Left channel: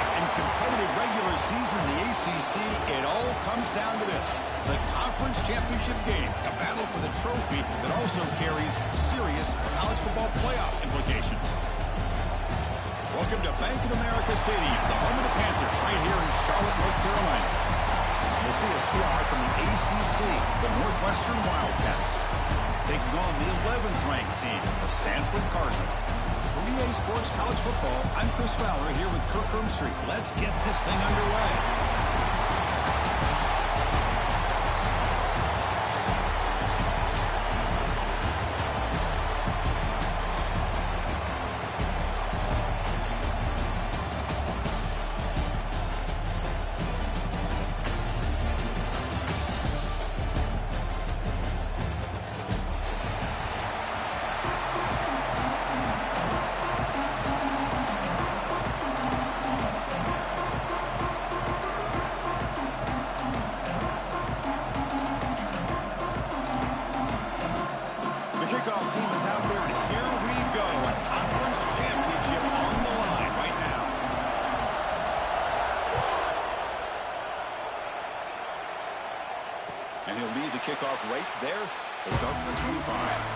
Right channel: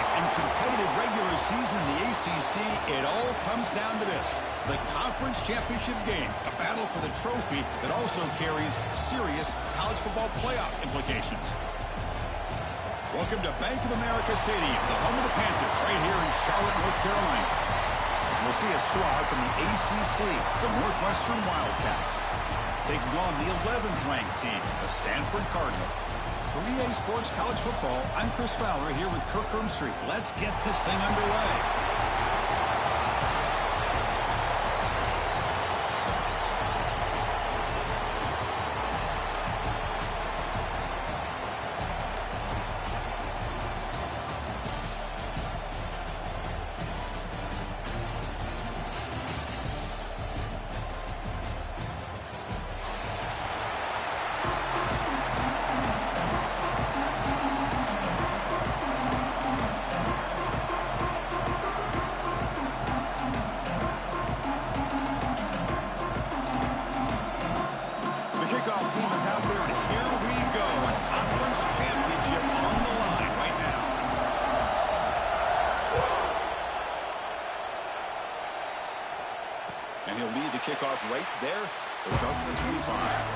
dramatic and competitive regular season in the ACC, it all comes down to this: the conference championship game, a battle for the trophy that also carries serious college football playoff implications. Welcome to Bank of America Stadium, the home of the Panthers, right here in Charlotte, North Carolina. As we'll see a squad from the ACC, the Northwestern Wildcats, taking on the 11th ranked team, the Stanford Cardinal. For EA Sports College Football, I'm Chris Fowler here with Kirk Herbstreit. Let's get this thing underway. Team is out there, and here we go. A conference championship on the line right now. And he'll lead the kickoff right there. They'll start from the 25.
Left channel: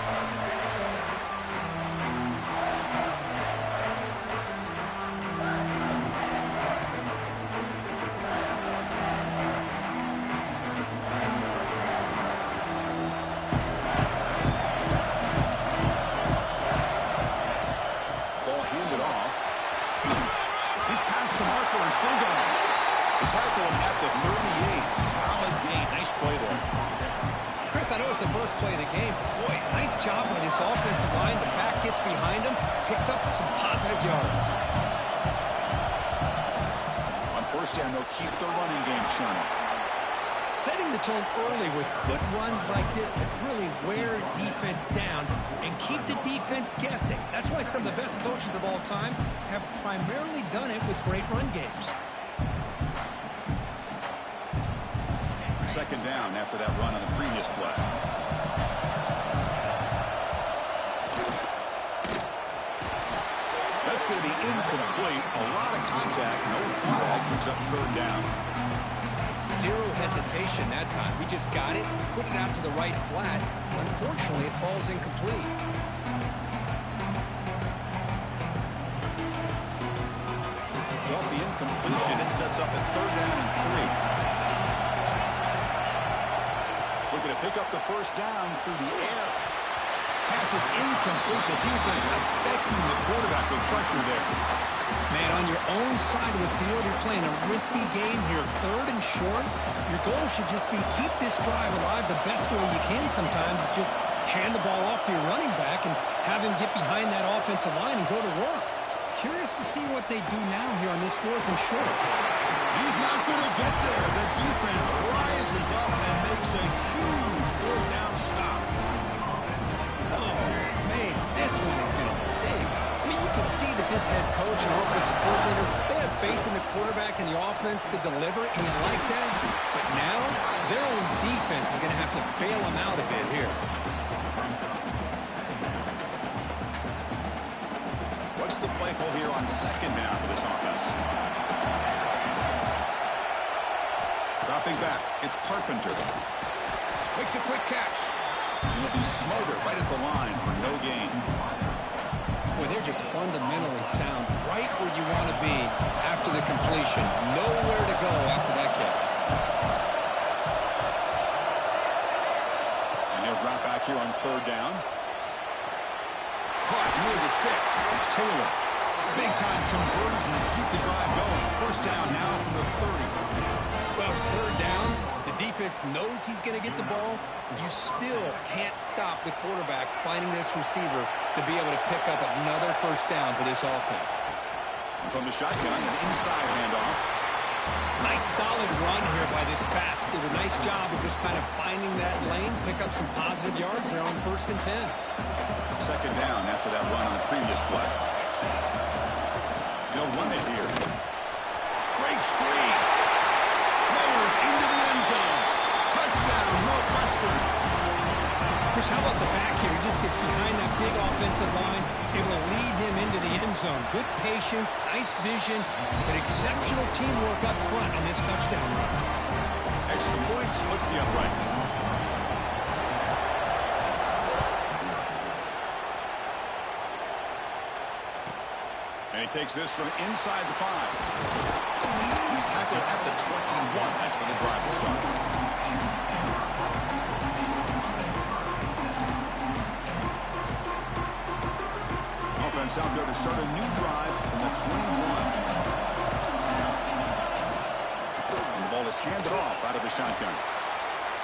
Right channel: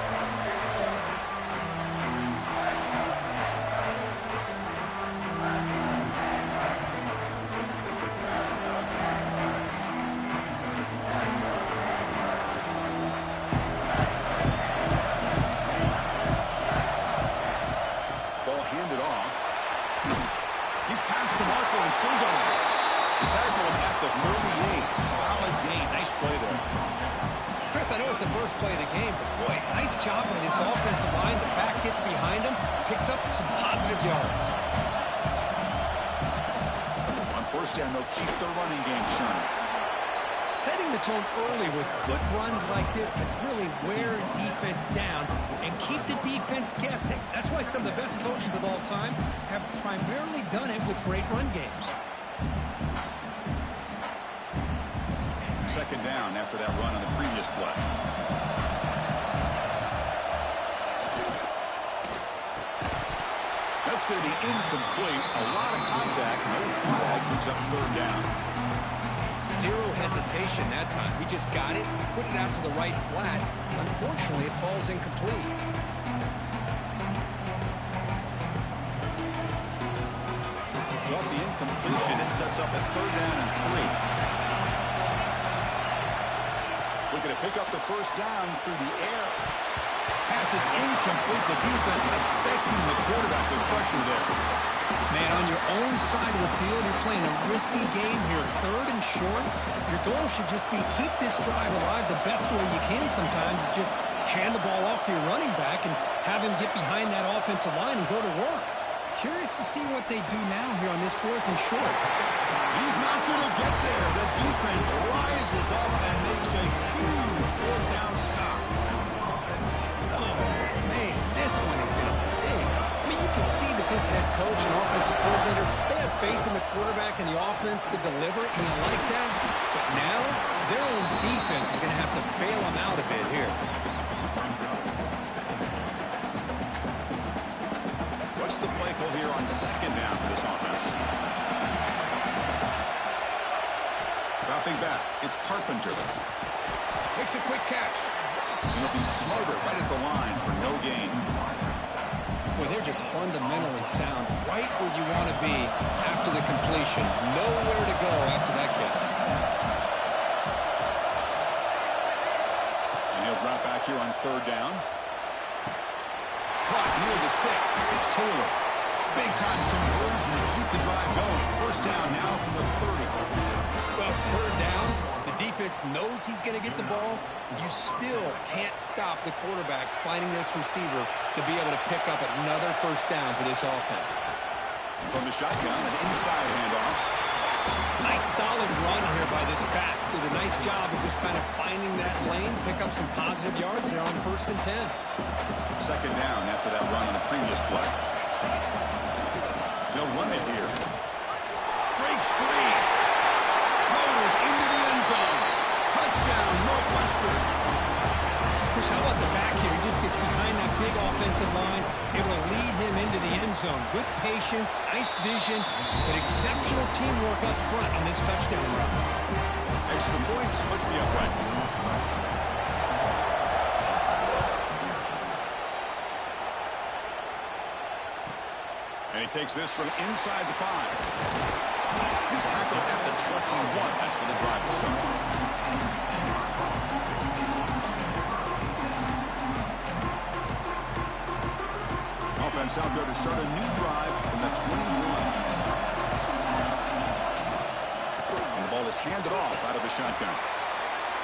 And still going. To tackle him at the 38. Solid gain. Nice play there. Chris, I know it's the first play of the game, but boy, nice job by this offensive line. The back gets behind him, picks up some positive yards. On first down, they'll keep the running game churning. Setting the tone early with good runs like this can really wear defense down and keep the defense guessing. That's why some of the best coaches of all time have primarily done it with great run games. Second down after that run on the previous play. That's going to be incomplete. A lot of contact. No flag. Brings up third down. Zero hesitation that time. He just got it, put it out to the right flat. Unfortunately, it falls incomplete. Off the incompletion, it sets up a third down and 3. Looking to pick up the first down through the air. Pass is incomplete. The defense affecting the quarterback with pressure there. Man, on your own side of the field, you're playing a risky game here. Third and short. Your goal should just be keep this drive alive the best way you can sometimes is just hand the ball off to your running back and have him get behind that offensive line and go to work. Curious to see what they do now here on this fourth and short. He's not going to get there. The defense rises up and makes a huge fourth down stop. Oh, man, this one is going to sting. I mean, you can see that this head coach and offensive coordinator, they have faith in the quarterback and the offense to deliver, and you like that. But now, their own defense is going to have to bail them out a bit here. What's the play call here on second down for this offense? Dropping back, it's Carpenter. Makes a quick catch. And he'll be smothered right at the line for no gain. Boy, they're just fundamentally sound right where you want to be after the completion. Nowhere to go after that catch. And he'll drop back here on third down. Caught near the sticks. It's Taylor. Big-time conversion to keep the drive going. First down now from the 30. Well, it's third down. The defense knows he's going to get the ball. You still can't stop the quarterback finding this receiver to be able to pick up another first down for this offense. From the shotgun, an inside handoff. Nice solid run here by this back. Did a nice job of just kind of finding that lane, pick up some positive yards there on 1st and 10. Second down after that run on the previous play. They'll run it here. Breaks free. Motors into the end zone. Touchdown, Northwestern. Chris, how about the back here? He just gets behind that big offensive line, able to lead him into the end zone. Good patience, nice vision, but exceptional teamwork up front on this touchdown run. Extra point splits the uprights. And he takes this from inside the 5. He's tackled at the 21. That's where the drive will start. Offense out there to start a new drive from the 21. And the ball is handed off out of the shotgun.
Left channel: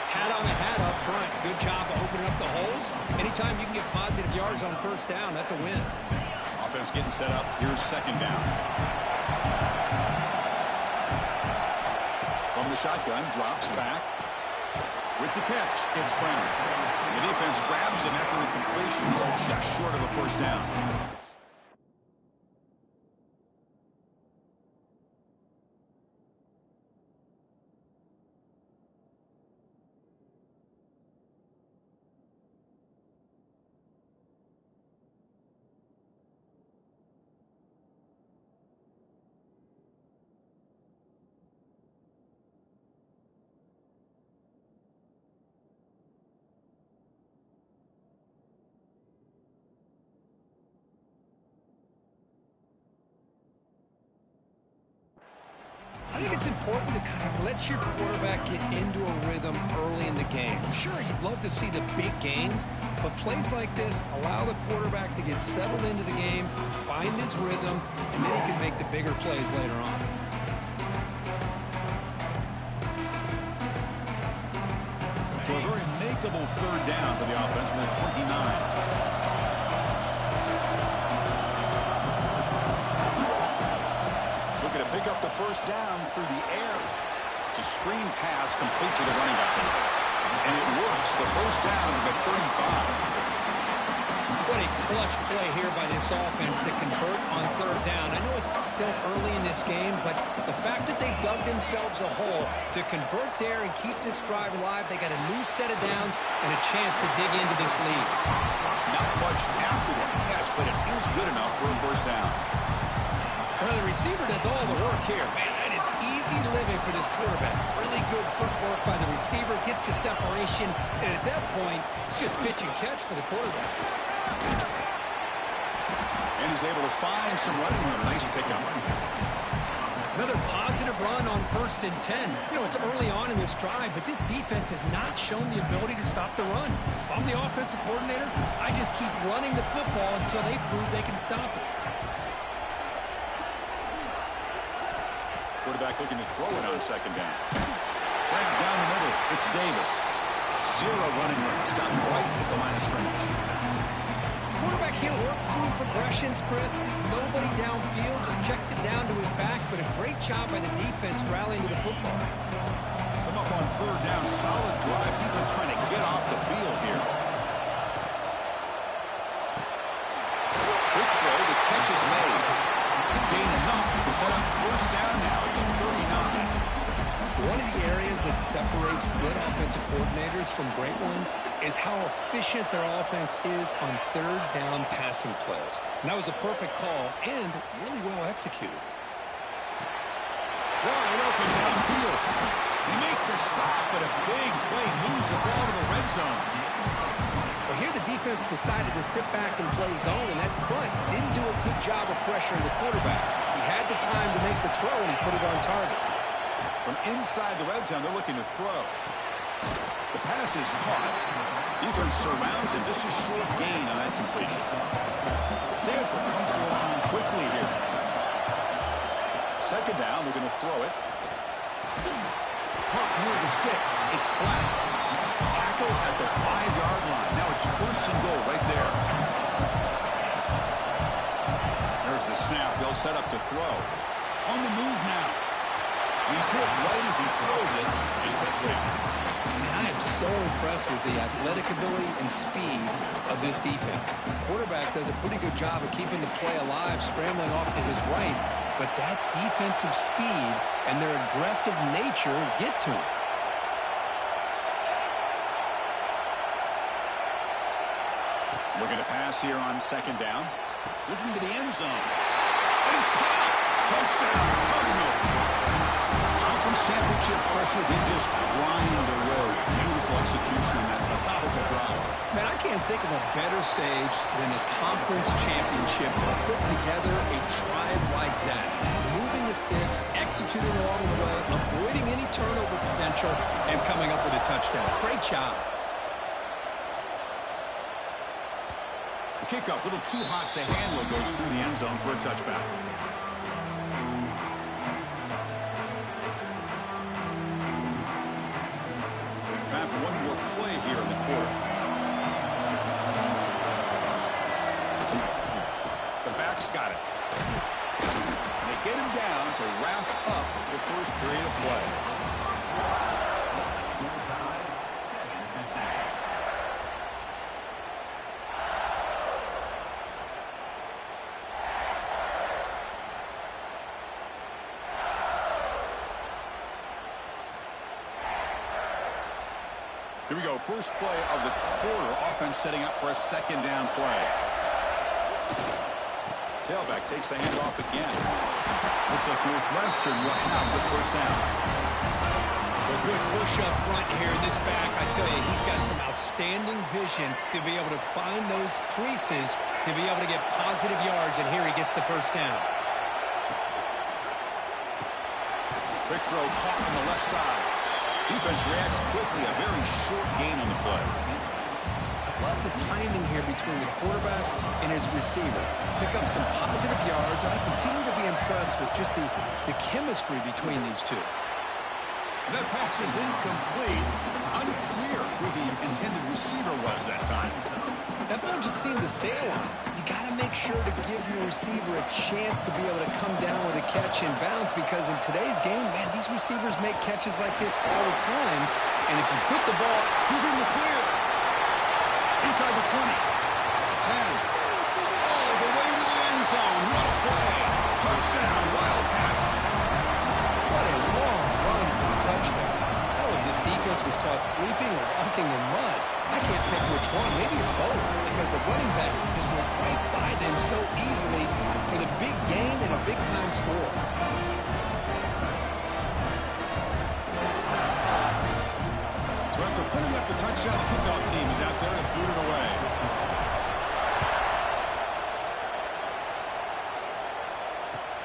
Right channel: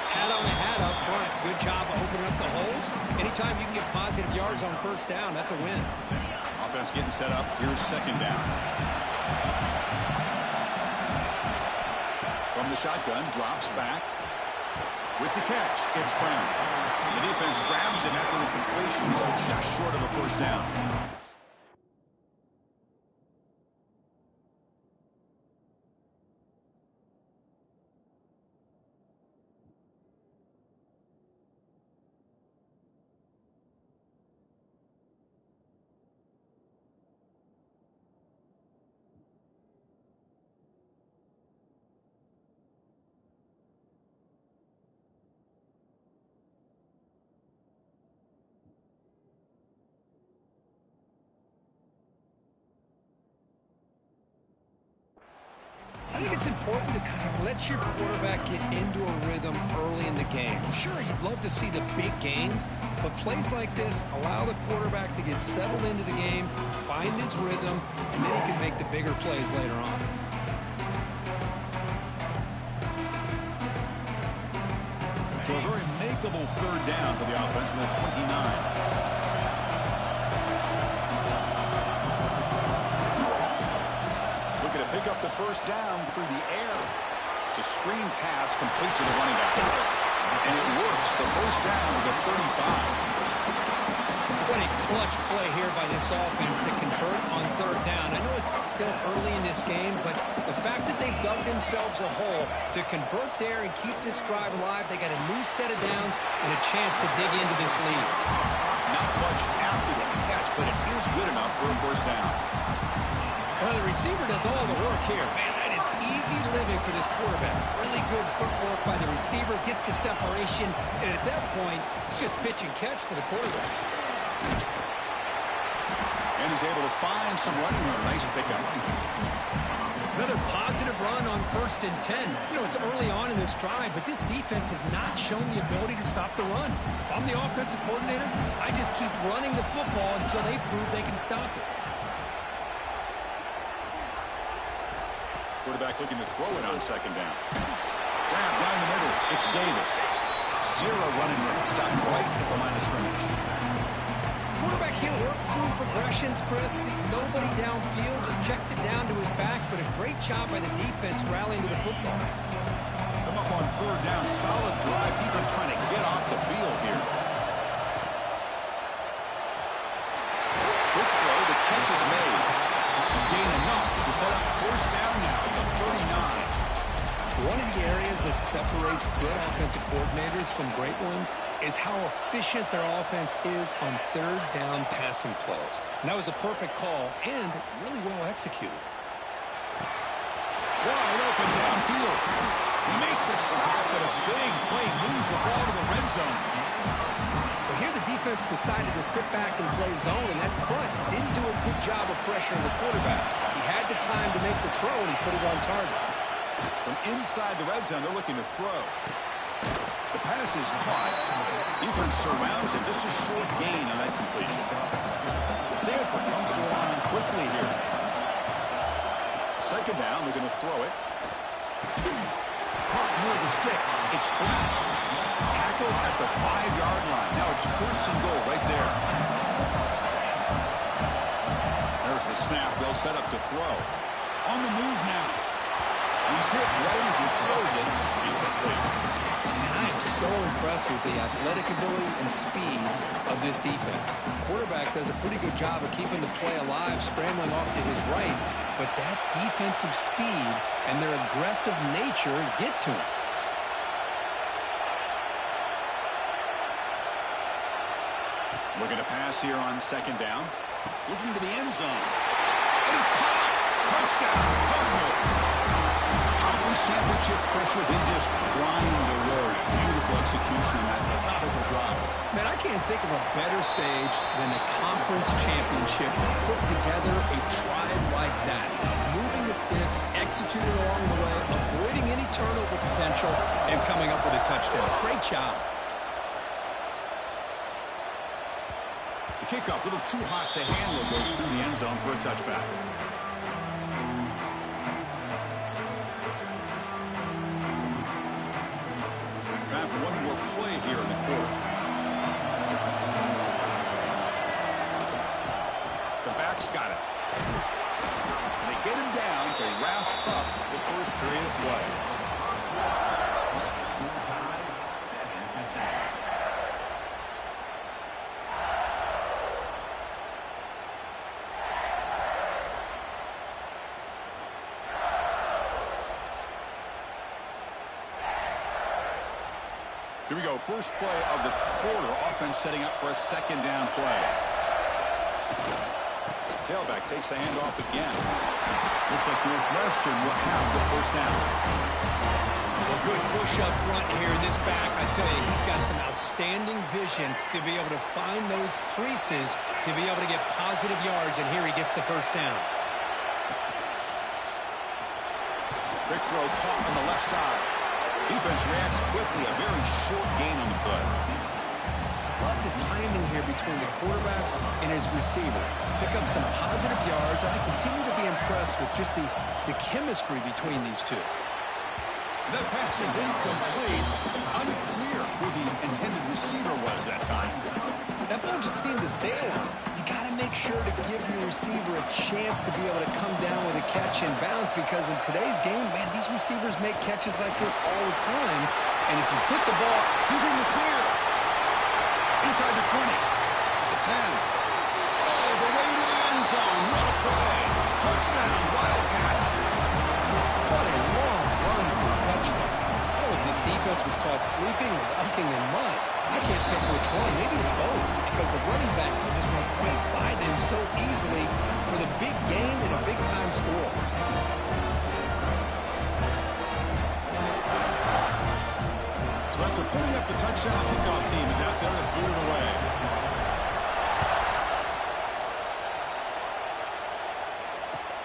Hat on the hat up front. Good job of opening up the holes. Anytime you can get positive yards on first down, that's a win. Offense getting set up. Here's second down. From the shotgun, drops back. With the catch, it's Brown. The defense grabs him after the completion. He's just short of a first down. I think it's important to kind of let your quarterback get into a rhythm early in the game. Sure, you'd love to see the big gains, but plays like this allow the quarterback to get settled into the game, find his rhythm, and then he can make the bigger plays later on. So a very makeable third down for the offense with a 29. Pick up the first down through the air. It's a screen pass complete to the running back. And it works. The first down to the 35. What a clutch play here by this offense to convert on third down. I know it's still early in this game, but the fact that they dug themselves a hole to convert there and keep this drive alive, they got a new set of downs and a chance to dig into this lead. Not much after the catch, but it is good enough for a first down. Well, the receiver does all the work here. Man, that is easy living for this quarterback. Really good footwork by the receiver, gets the separation, and at that point, it's just pitch and catch for the quarterback. And he's able to find some running room. Nice pickup. Another positive run on 1st and 10. You know, it's early on in this drive, but this defense has not shown the ability to stop the run. If I'm the offensive coordinator, I just keep running the football until they prove they can stop it. Quarterback looking to throw it on second down. Grab down the middle. It's Davis. Zero running room. Stopped right at the line of scrimmage. Quarterback here works through progressions, Chris. Just nobody downfield. Just checks it down to his back. But a great job by the defense rallying to the football. Come up on third down. Solid drive. Defense trying to get off the field here. Quick throw. The catch is made. Gain enough to set up first down now at the 39. One of the areas that separates good offensive coordinators from great ones is how efficient their offense is on third down passing plays. And that was a perfect call and really well executed. Wide open downfield. They make the stop, but a big play moves the ball to the red zone. Well, here the defense decided to sit back and play zone, and that front didn't do a good job of pressuring the quarterback. He had the time to make the throw, and he put it on target. From inside the red zone, they're looking to throw. The pass is caught. Defense surrounds him. Just a short gain on that completion. Stanford comes to the line quickly here. Second down, they're going to throw it. Caught near the sticks. It's Black. Tackled at the 5-yard line. Now it's first and goal right there. There's the snap. They'll set up to throw. On the move now. He's hit right as he throws it. Incomplete. And I am so impressed with the athletic ability and speed of this defense. The quarterback does a pretty good job of keeping the play alive, scrambling off to his right, but that defensive speed and their aggressive nature get to him. Looking to pass here on second down. Looking to the end zone. And it's caught. Touchdown, Cardinal. Conference championship pressure, they just grind away. Beautiful execution on that methodical drive. Man, I can't think of a better stage than a conference championship to put together a drive like that. Moving the sticks, executing along the way, avoiding any turnover potential, and coming up with a touchdown. Great job. The kickoff, a little too hot to handle, goes through the end zone for a touchback. Time for one more play here in the quarter. The back's got it. And they get him down to wrap up the first period of play. Here we go, first play of the quarter. Offense setting up for a second down play. Tailback takes the handoff again. Looks like Northwestern will have the first down. Well, good push up front here. This back, I tell you, he's got some outstanding vision to be able to find those creases, to be able to get positive yards, and here he gets the first down. Big throw caught on the left side. Defense reacts quickly. A very short gain on the play. Love the timing here between the quarterback and his receiver. Pick up some positive yards, and I continue to be impressed with just the chemistry between these two. That pass is incomplete. Unclear who the intended receiver was that time. That ball just seemed to sail on him. You got to make sure to give your receiver a chance to be able to come down with a catch and bounce, because in today's game, man, these receivers make catches like this all the time. And if you put the ball, he's in the clear. Inside the 20. The 10. All the way to the end zone. What a play. Touchdown, Wildcats. What a long run for a touchdown. I don't know if this defense was caught sleeping or walking in mud. I can't pick which one. Maybe it's both, because the running back just went right by them so easily for the big gain and a big-time score. So after putting up the touchdown, the kickoff team is out there to boot it away.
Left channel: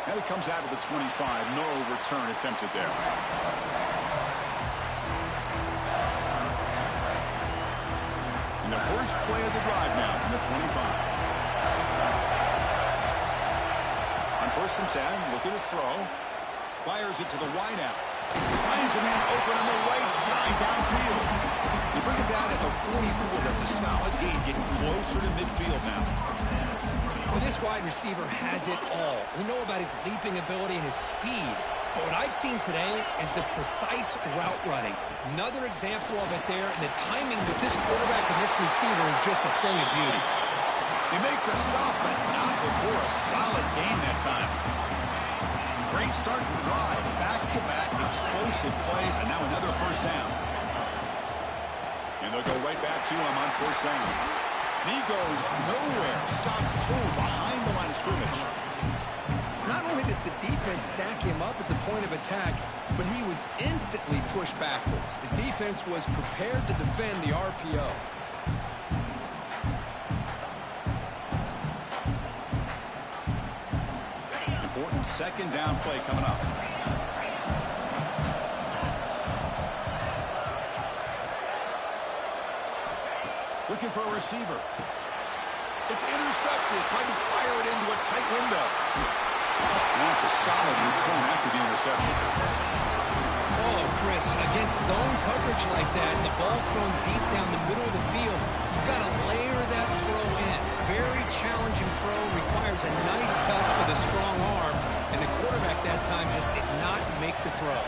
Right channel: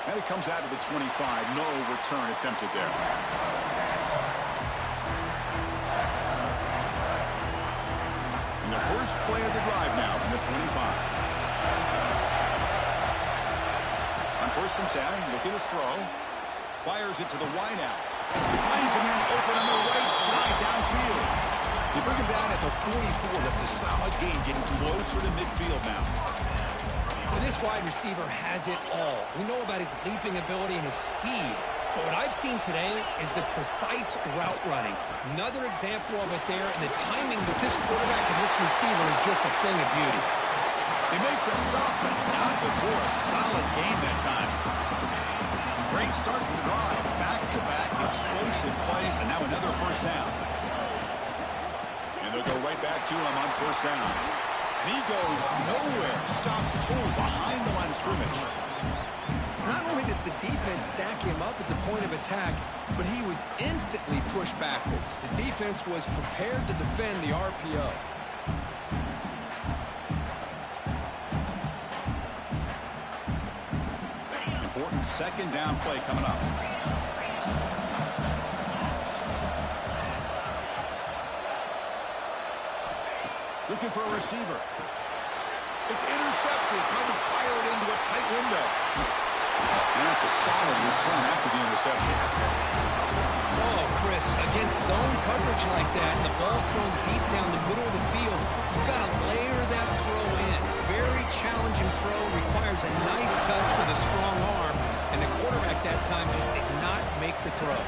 And it comes out to the 25. No return attempted there. In the first play of the drive now from the 25. On 1st and 10, looking to throw. Fires it to the wideout. Finds a man open on the right side downfield. You bring him down at the 44. That's a solid gain, getting closer to midfield now. Well, this wide receiver has it all. We know about his leaping ability and his speed. But what I've seen today is the precise route running. Another example of it there, and the timing with this quarterback and this receiver is just a thing of beauty. They make the stop, but not before a solid gain that time. Great start to the drive. Back-to-back explosive plays, and now another first down. And they'll go right back to him on first down. And he goes nowhere. Stopped cold behind the line of scrimmage. Not only does the defense stack him up at the point of attack, but he was instantly pushed backwards. The defense was prepared to defend the RPO. Important second down play coming up. Looking for a receiver. It's intercepted. Trying to fire it into a tight window. And that's a solid return after the interception. Oh, Chris, against zone coverage like that, and the ball thrown deep down the middle of the field, you've got to layer that throw in. Very challenging throw, requires a nice touch with a strong arm, and the quarterback that time just did not make the throw.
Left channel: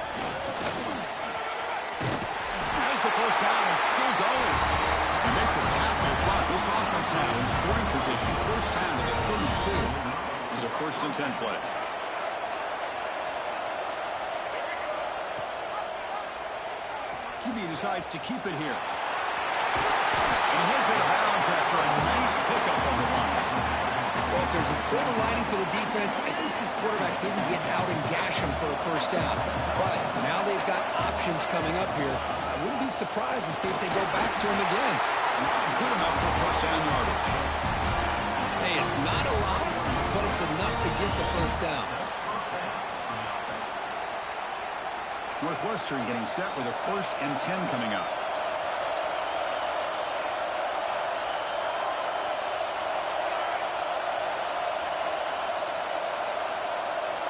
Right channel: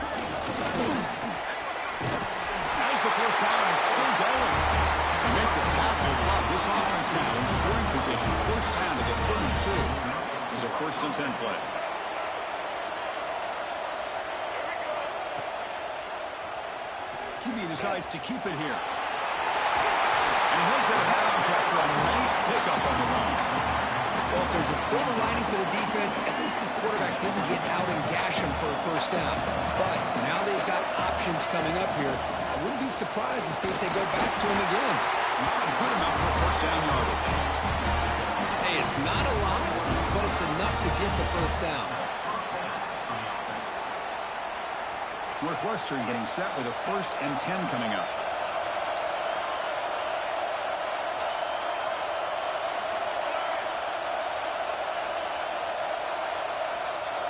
As the first down is still going. They make the tackle, but this offense now in scoring position. First down to the 32. There's a 1st and 10 play. QB decides to keep it here. And he heads out of bounds after a nice pick Well, if there's a silver lining for the defense, at least this quarterback didn't get out and gash him for a first down. But now they've got options coming up here. I wouldn't be surprised to see if they go back to him again. Good enough for first down yardage. Hey, it's not a lot, but it's enough to get the first down. Northwestern getting set with a 1st and 10 coming up.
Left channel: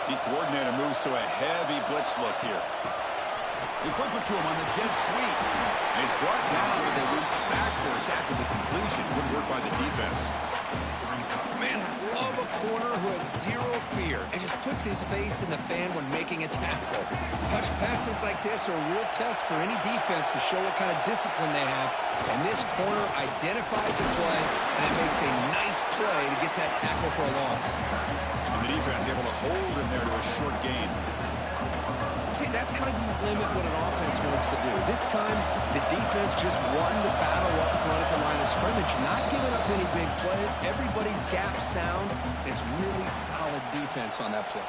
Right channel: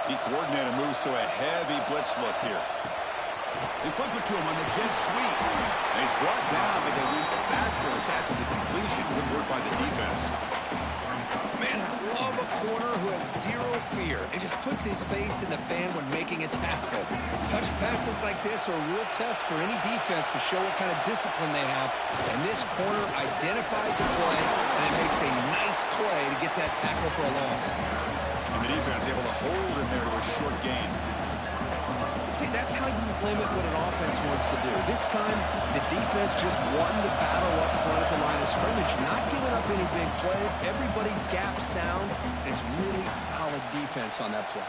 The coordinator moves to a heavy blitz look here. They flip it to him on the jet sweep. And he's brought down, but they went backwards after the completion. Good work by the defense. Man, I love a corner who has zero fear and just puts his face in the fan when making a tackle. Touch passes like this are a real test for any defense to show what kind of discipline they have. And this corner identifies the play, and it makes a nice play to get that tackle for a loss. And the defense able to hold him there to a short gain. See, that's how you limit what an offense wants to do. This time, the defense just won the battle up front at the line of scrimmage, not giving up any big plays. Everybody's gap sound. It's really solid defense on that play.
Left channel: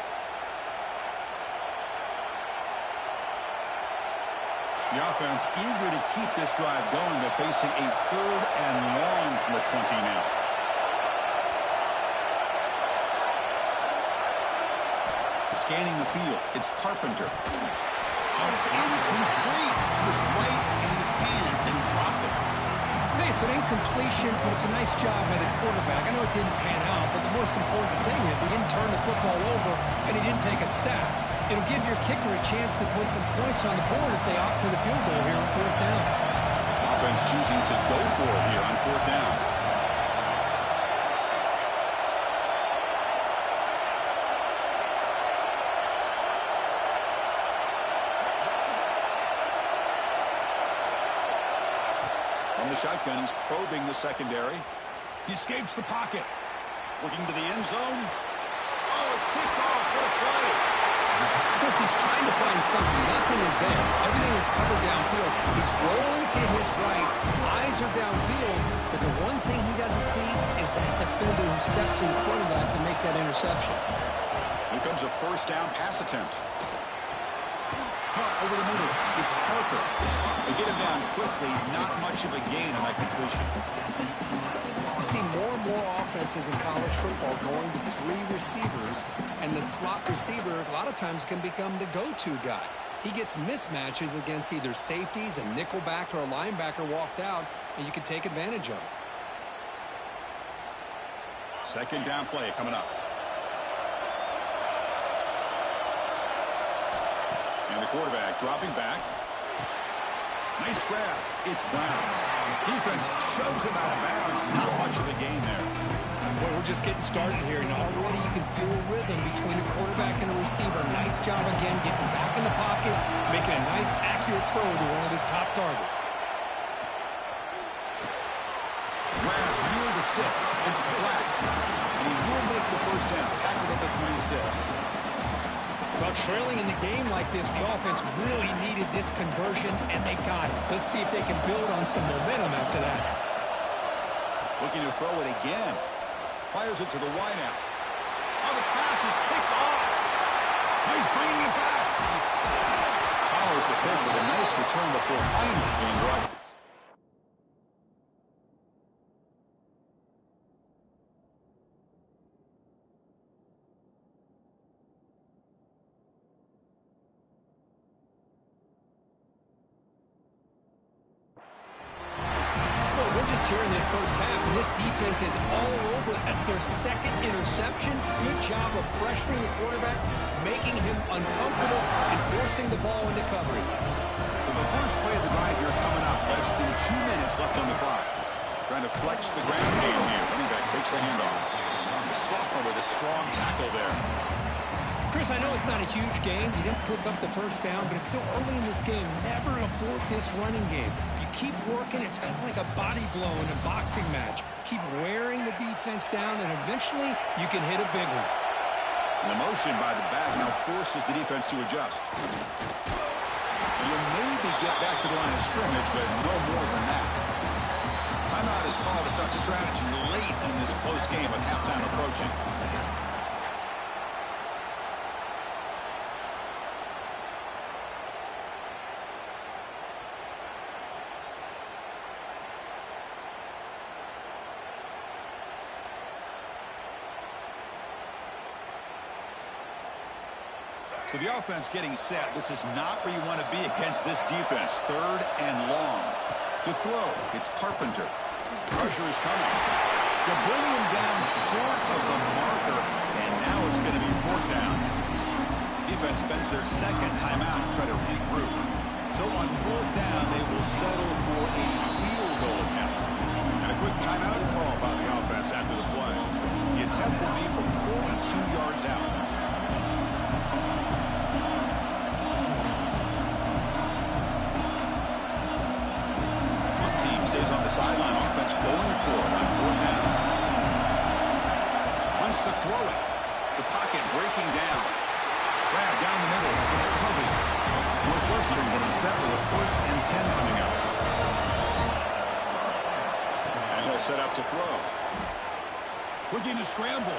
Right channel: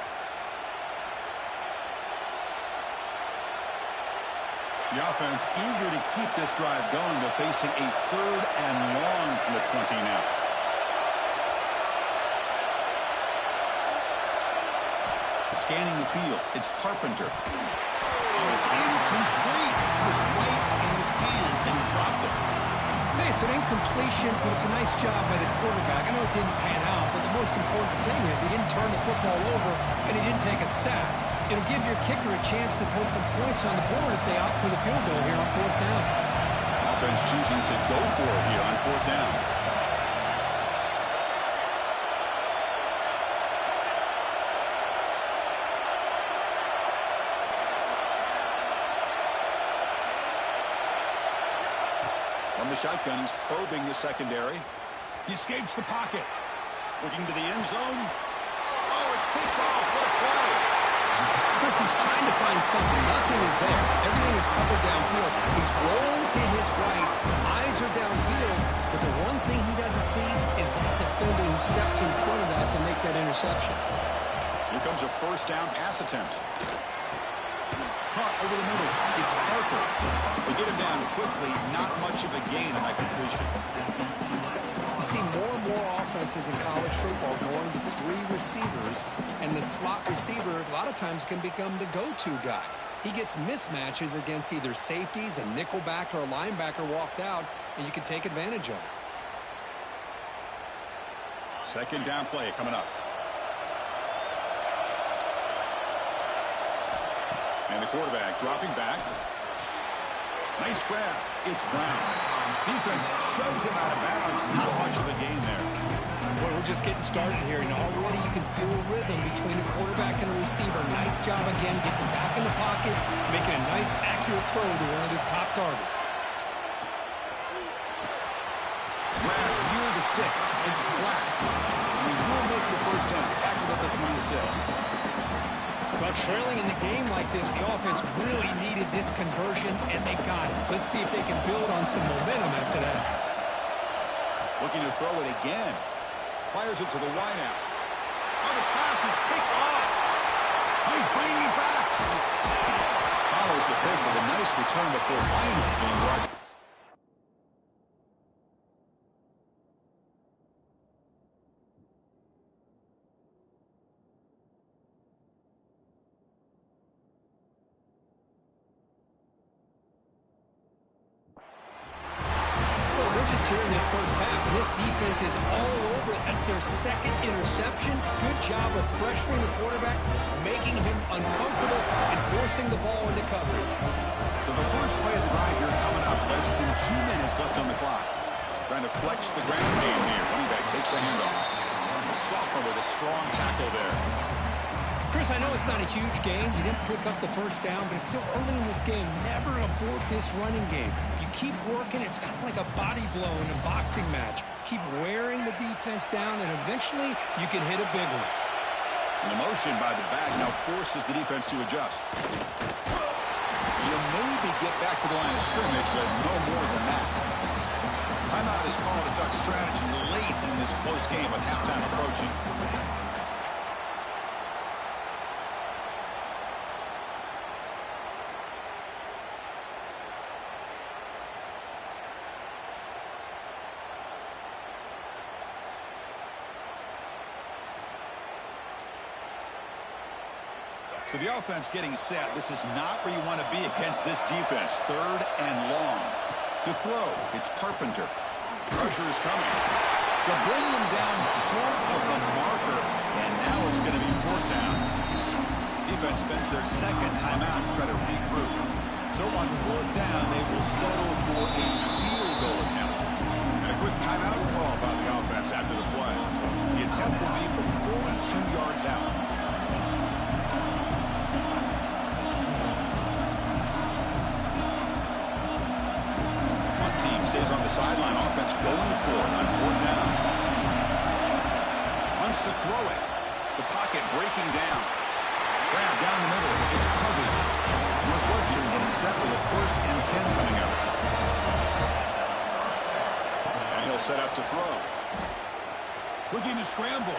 The offense eager to keep this drive going, but facing a 3rd and long from the 20 now. Scanning the field, it's Carpenter. Oh, it's incomplete. It was right in his hands, and he dropped it. Hey, it's an incompletion, but it's a nice job by the quarterback. I know it didn't pan out, but the most important thing is he didn't turn the football over, and he didn't take a sack. It'll give your kicker a chance to put some points on the board if they opt for the field goal here on 4th down. Offense choosing to go for it here on 4th down. From the shotgun, he's probing the secondary. He escapes the pocket. Looking to the end zone. Oh, it's picked off. What a play. Chris, he's trying to find something. Nothing is there. Everything is covered downfield. He's rolling to his right. Eyes are downfield. But the one thing he doesn't see is that defender who steps in front of that to make that interception. Here comes a 1st down pass attempt. Caught over the middle. It's Parker. They get him down quickly. Not much of a gain on that completion. You see more and more offenses in college football going to 3 receivers, and the slot receiver a lot of times can become the go-to guy. He gets mismatches against either safeties, a nickelback, or a linebacker walked out, and you can take advantage of it. 2nd down play coming up. And the quarterback dropping back. Nice grab. It's Brown. Defense shoves him out of bounds. Not much of a gain there. Boy, we're just getting started here, and already you can feel a rhythm between a quarterback and a receiver. Nice job again getting back in the pocket, making a nice, accurate throw to one of his top targets. Grab near the sticks. It's Black. And he will make the 1st down. Tackled at the 26. Well, trailing in the game like this, the offense really needed this conversion, and they got it. Let's see if they can build on some momentum after that. Looking to throw it again. Fires it to the wideout. Oh, the pass is picked off. Oh, he's bringing it back. Follows the pick with a nice return before finally being brought. Here in this first half, and this defense is all over it. That's their 2nd interception. Good job of pressuring the quarterback, making him uncomfortable, and forcing the ball into coverage. So the first play of the drive here coming up. Less than 2 minutes left on the clock. Trying to flex the ground game here. Running back takes a handoff. The sophomore with a strong tackle there. Chris, I know it's not a huge game. You didn't pick up the 1st down, but it's still early in this game. Never abort this running game. You keep working. It's kind of like a body blow in a boxing match. Keep wearing the defense down, and eventually you can hit a big one. And the motion by the back now forces the defense to adjust. You'll maybe get back to the line of scrimmage, but no more than that. Timeout is called to talk strategy late in this close game with halftime approaching. So the offense getting set. This is not where you want to be against this defense. 3rd and long. To throw, it's Carpenter. Pressure is coming. To bring him down short of the marker, and now it's going to be 4th down. Defense spends their 2nd timeout to try to regroup. So on 4th down, they will settle for a field goal attempt. And a quick timeout call by the offense after the play. The attempt will be from 42 yards out. Stays on the sideline. Offense going for it on 4th down. Wants to throw it. The pocket breaking down. Grab down the middle. It's Covey. Northwestern getting set with a 1st and 10 coming up. And he'll set up to throw. Looking to scramble.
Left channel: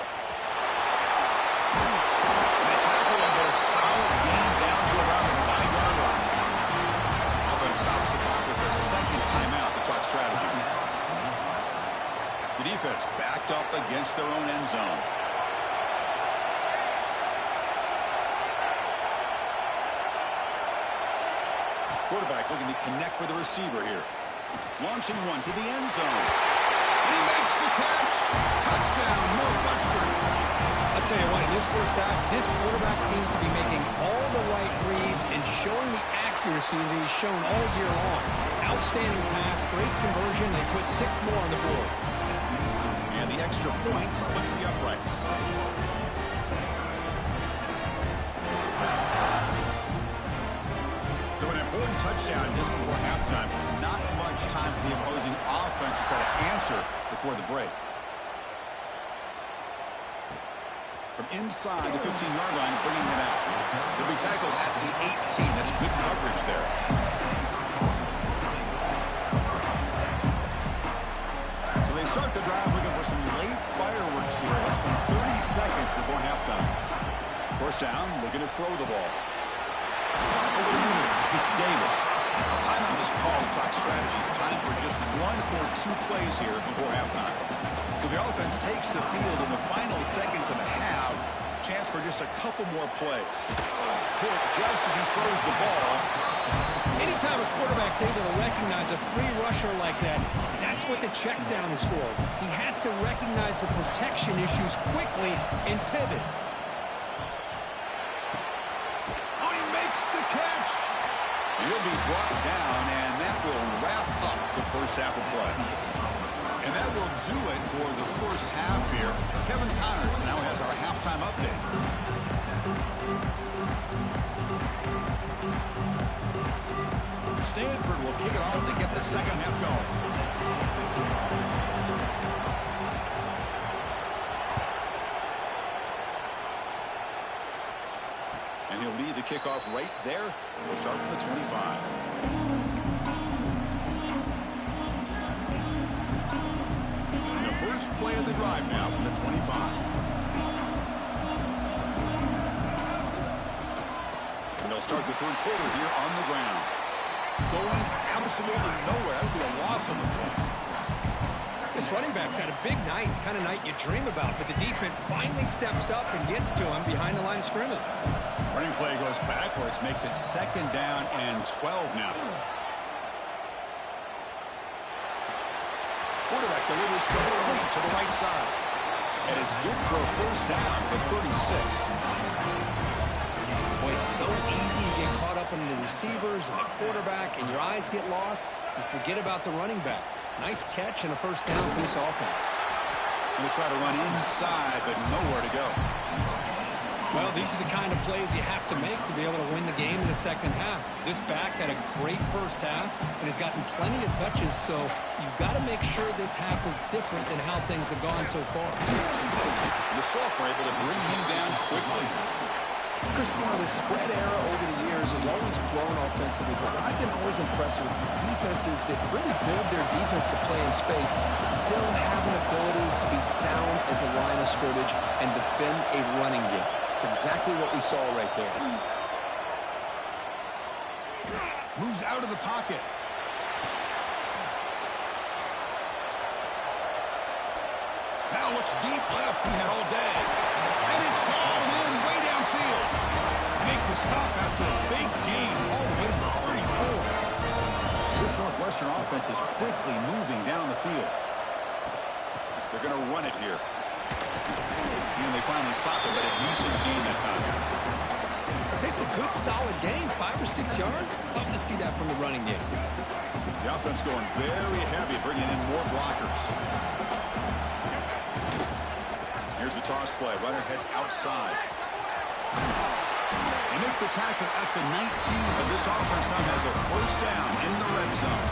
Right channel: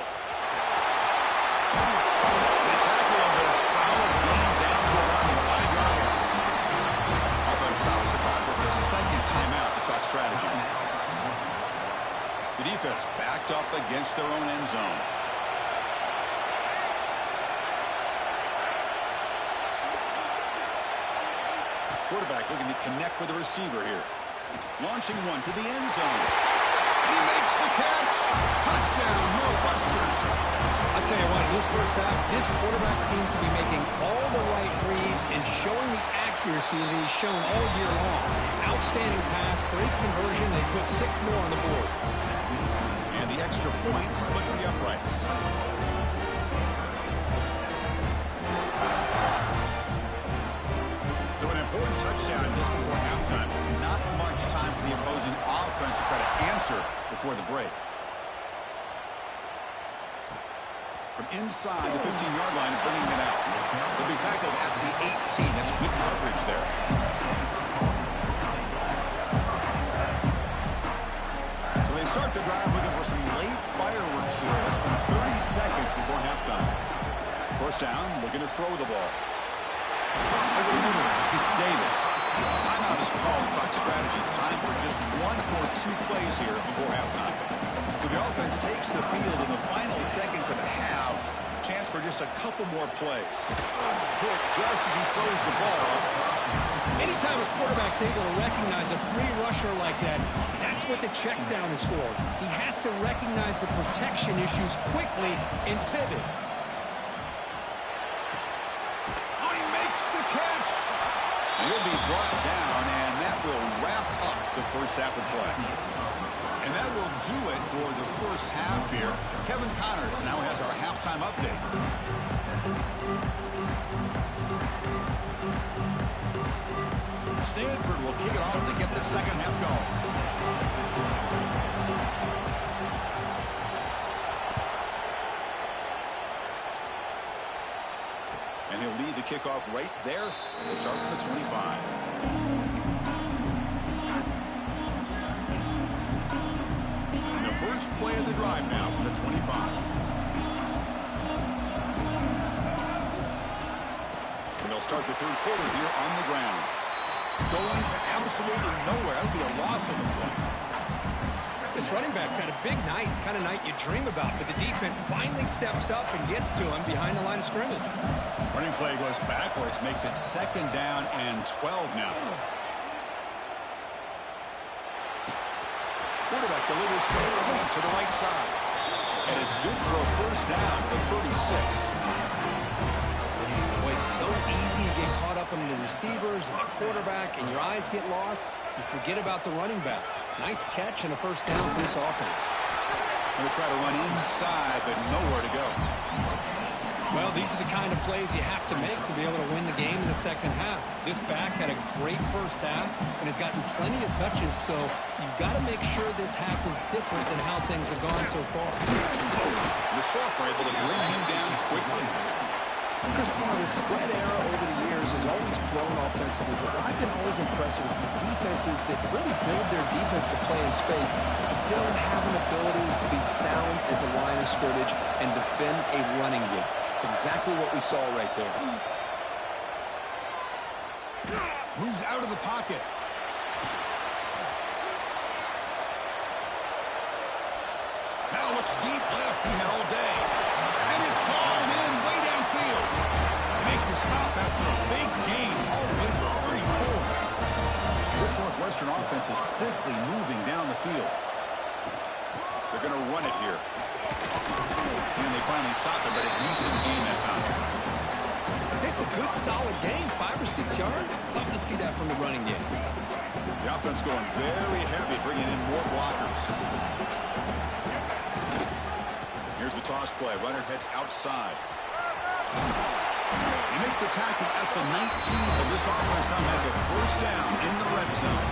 They tackle him, but a solid gain down to around the 5-yard line. Offense stops the clock with their 2nd timeout to talk strategy. The defense backed up against their own end zone. Quarterback looking to connect with the receiver here. Launching one to the end zone. And he makes the catch. Touchdown, Northwestern. I'll tell you what, in this first half, this quarterback seems to be making all the right reads and showing the accuracy that he's shown all year long. Outstanding pass, great conversion. They put 6 more on the board. And the extra point splits the uprights. So an important touchdown just before halftime. Not much time for the opposing offense to try to answer before the break. From inside the 15-yard line and bringing it out. They'll be tackled at the 18. That's good coverage there. So they start the drive looking for some late fireworks here. Less than 30 seconds before halftime. 1st down, looking to throw the ball. Over the middle, it's Davis. Timeout is called to talk strategy. Time for just 1 or 2 plays here before halftime. So the offense takes the field in the final seconds of the half. Chance for just a couple more plays. Hit just as he throws the ball. Anytime a quarterback's able to recognize a free rusher like that, that's what the check down is for. He has to recognize the protection issues quickly and pivot. Oh, he makes the catch. And he'll be brought down, and that will wrap up the first half of play. And that will do it for the first half here. Kevin Connors now has our halftime update. Stanford will kick it off to get the second half going. And he'll lead the kickoff right there. We'll start from the 25. First play of the drive now from the 25. And they'll start the 3rd quarter here on the ground. Going absolutely nowhere. That would be a loss on the play. This running back's had a big night, kind of night you dream about, but the defense finally steps up and gets to him behind the line of scrimmage. Running play goes backwards, makes it 2nd down and 12 now. Quarterback delivers complete to the right side. And it's good for a 1st down to the 36. Boy, it's so easy to get caught up in the receivers and the quarterback, and your eyes get lost. You forget about the running back. Nice catch and a 1st down for this offense. Going to try to run inside, but nowhere to go. Well, these are the kind of plays you have to make to be able to win the game in the second half. This back had a great first half and has gotten plenty of touches, so you've got to make sure this half is different than how things have gone so far. The sophomore able to bring him down quickly. Cristiano, the spread era over the years has always grown offensively, but what I've been always impressed with defenses that really build their defense to play in space still have an ability to be sound at the line of scrimmage and defend a running game. It's exactly what we saw right there. Moves out of the pocket. Now looks deep left. He had all day. And it's hauled in way downfield. They make the stop after a big gain all the way to the 34. This Northwestern offense is quickly moving down the field. They're going to run it here. And they finally stop it, but a decent gain that time. It's a good, solid gain. 5 or 6 yards. Love to see that from the running game. The offense going very heavy, bringing in more blockers. Here's the toss play. Runner heads outside. They make the tackle at the 19, but this offense now has a first down in the red zone.